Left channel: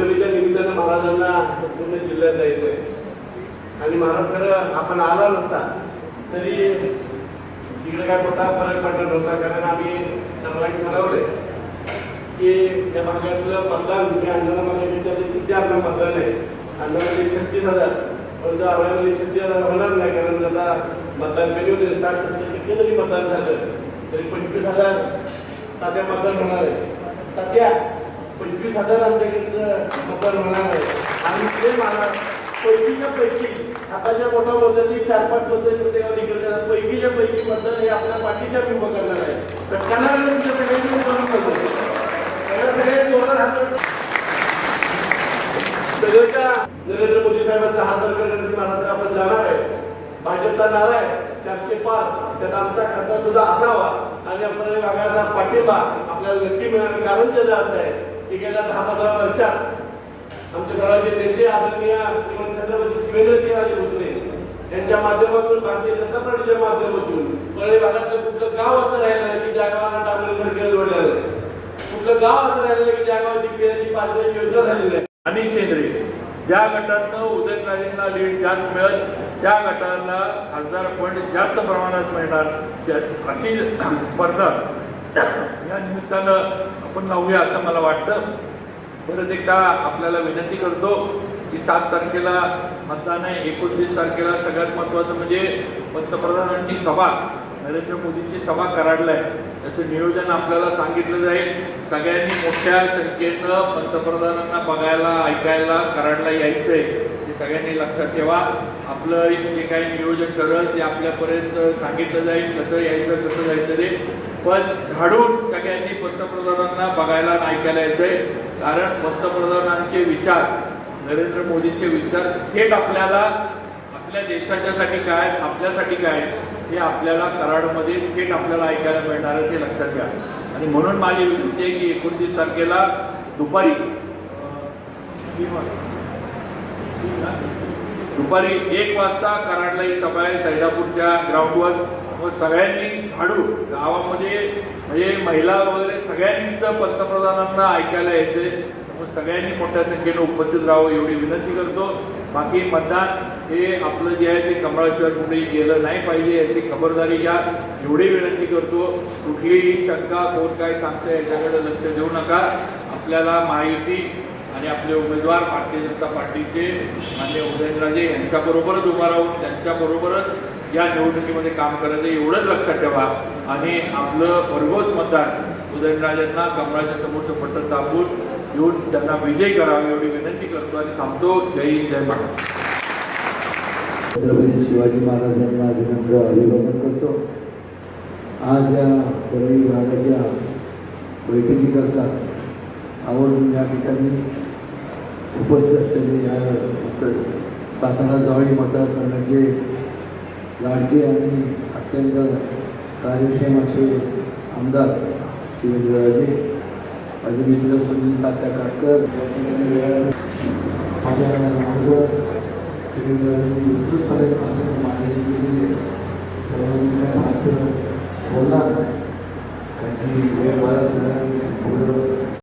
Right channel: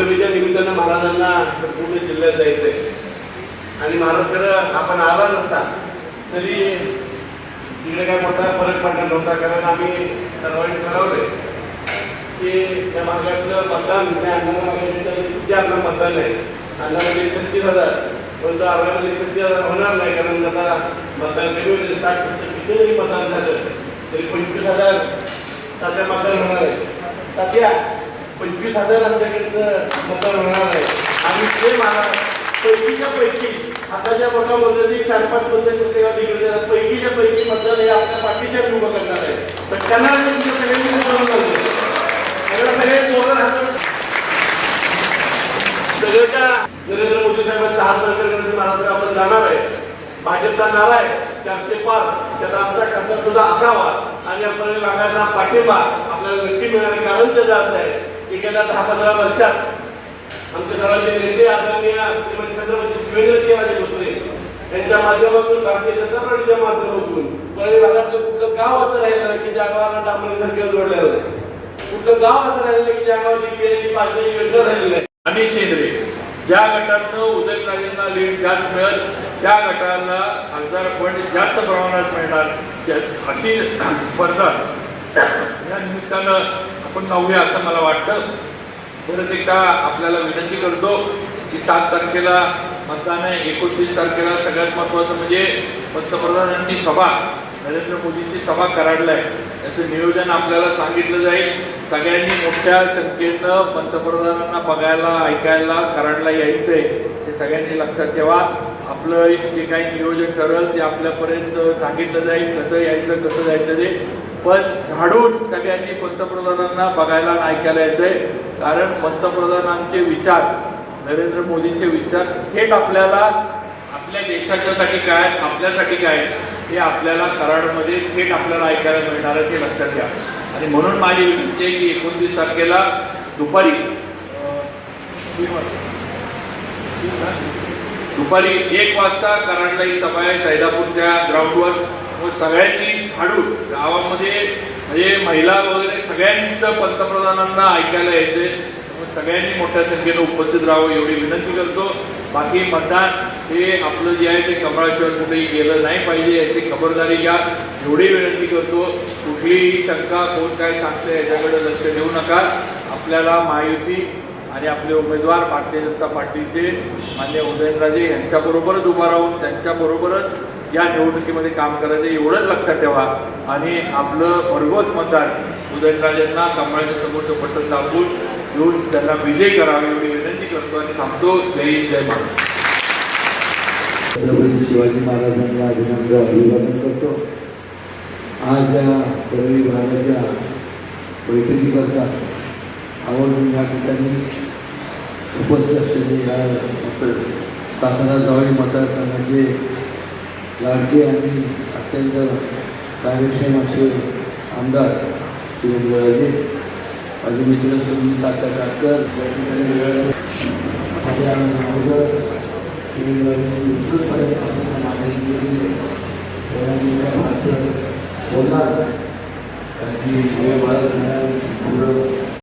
त्या निमित्तानं महाराजांना संपूर्ण जिल्ह्यात जायचं आहे आणि महाराष्ट्राला आपण आला नसता तरी तिकडे काय मोठा फरक पडला नव्हता कारण आम्ही सर्वांनी ठरवले की त्या भागातलं मतदान त्या अन्नामध्ये किती आपलं मतदान आहे अन्नामध्ये छत्तीस हजार परंतु अर्ध्यामध्ये छत्तीस हजार होणार नाही कारण त्याला मतदान कमी होते साठ टक्के किती जरी मतदान झालं तरी पंचवीस हजार साध्या मतदान होणार आहे सध्या पंचवीस हजार आमच्याकडचं मतदान होणार आहे. आणि ते मला पैकीच्या पैकी आताच्या बघा मताची चार पाच मतं तेव्हा तिकडे पैकीच्या पैकी मतदान हे आपण पाठीच्या उभं करणार आहे. तर त्यांना पण सगळ्यांनी मतदान करतो सगळे पोरं राहतात सगळ्याच्या नरेंद्र मोदी साहेबांचा हात वर करण्यासाठी महाराष्ट्र आपण जाणार आहे. भाजपचा नारा आहे. चारशे पाच. त्याचा आमचा खासदार सुद्धा असावा. आणि आपल्याला लागायचा पाठिंबा आपल्याला नक्की मिळणार कारण त्याचा असं आहे. गेल्या दहा पंधरा वर्षात आमचे दलाचे नेते आदरणीय श्रीमती छत्रपती शिवेंद्र राजे भोसले यांच्या माध्यमातून भारतीय जनता पार्टीच्या माध्यमातून परळी भागातलं कुठलं गाव असं राहिलं नाही की ज्या गावाला डांबरी सर्किल जोडलेलं नाही. कुठलं गाव असं राहिलं नाही की ज्या गावाची पिण्याची पाणी योजना झालेली नाही. आणि शेंद्रे ज्या गटातनं उदयनराजेंना लीड जास्त मिळत त्या गटाला खासदार फंड जास्त प्रमाणात मिळणार अशी स्पर्धा. या निमित्तानं आपण लावूया असं मला वाटतं. परत एकदा आपल्याला विनंती करतो की सात तारखेला मतदान आहे एकोणतीस तारखेला सगळ्यात महत्त्वाचं म्हणजे पंतप्रधानांची सभा नरेंद्र मोदींची सभा कराडला आहे त्याचं नियोजन आपल्याला सांगितलं जाईल. सगळ्यांनी मोठ्या संख्येनं पंतप्रधानांना बघायला ऐकायला कराडला यायचं आहे हे सगळ्यांनी लक्षात ठेवा. आपलं जे काही नियोजन करेल ते आपल्यापर्यंत सांगितलं जाईल कसं यायचं कसं जायचं ते. पण झाडून सगळ्यांनी पंतप्रधानांना बघायला ऐकायला ऐकायला आहे. कारण पंतप्रधानांचे विचार नरेंद्र मोदींचे विचार थेट आपल्याला आपल्या देशाच्यासाठी काय आपल्यासाठी काय हे आपल्याला कराडमध्ये थेट आपल्याला ऐकायला मिळणार आहे ते लक्षात घ्या. आणि म्हणून माझी विनंती आहे की एकोणतीस तारखेला दुपारी अं, दुपारी एक वाजता कराडला ही सभा आहे सैदापूरच्या ग्राउंडवर व सगळ्यांनी हाडू गावामध्ये म्हणजे महिला वगैरे सगळ्यांचं पंतप्रधानांना ऐकायला यायचे. सगळ्यांनी मोठ्या संख्येनं उपस्थित राहावं एवढी विनंती करतो. बाकी मतदान हे आपलं जे आहे ते कमळाशिवाय कुठेही गेलं नाही पाहिजे याची खबरदारी घ्या. एवढी विनंती करतो. कुठलीही शंका कोण काय सांगतं याच्याकडे लक्ष देऊ नका. आपल्याला माहिती आणि आपले उमेदवार भारतीय जनता पार्टीचे मान्य उदयनराजे यांच्याबरोबरच उभा राहून त्यांच्याबरोबरच या निवडणुकीमध्ये काम करायचं एवढंच लक्षात ठेवा. आणि आपलं भरघोस मतदान उदयनराजेंना कमळाच्या समोरचं पत्र दाबून घेऊन त्यांना विजय करावे मी विनंती करतो आणि थांबतो जय जय महाराज छत्रपती शिवाजी महाराजांना अभिनंदन अभिवादन करतो. आज या परळी भागाच्या बैठकीकरता आवर्जून या ठिकाणी उपस्थित असलेले या सातारा जवळ मतदारसंघाचे लाडके आणि अत्यंत कार्यक्षम असे आमदार शिवराजे अजून इकडे सुनील काका काटकर या ठिकाणी माझ्या अगोदर विस्तृतपणे उत्कृष्टपणे मागणी केली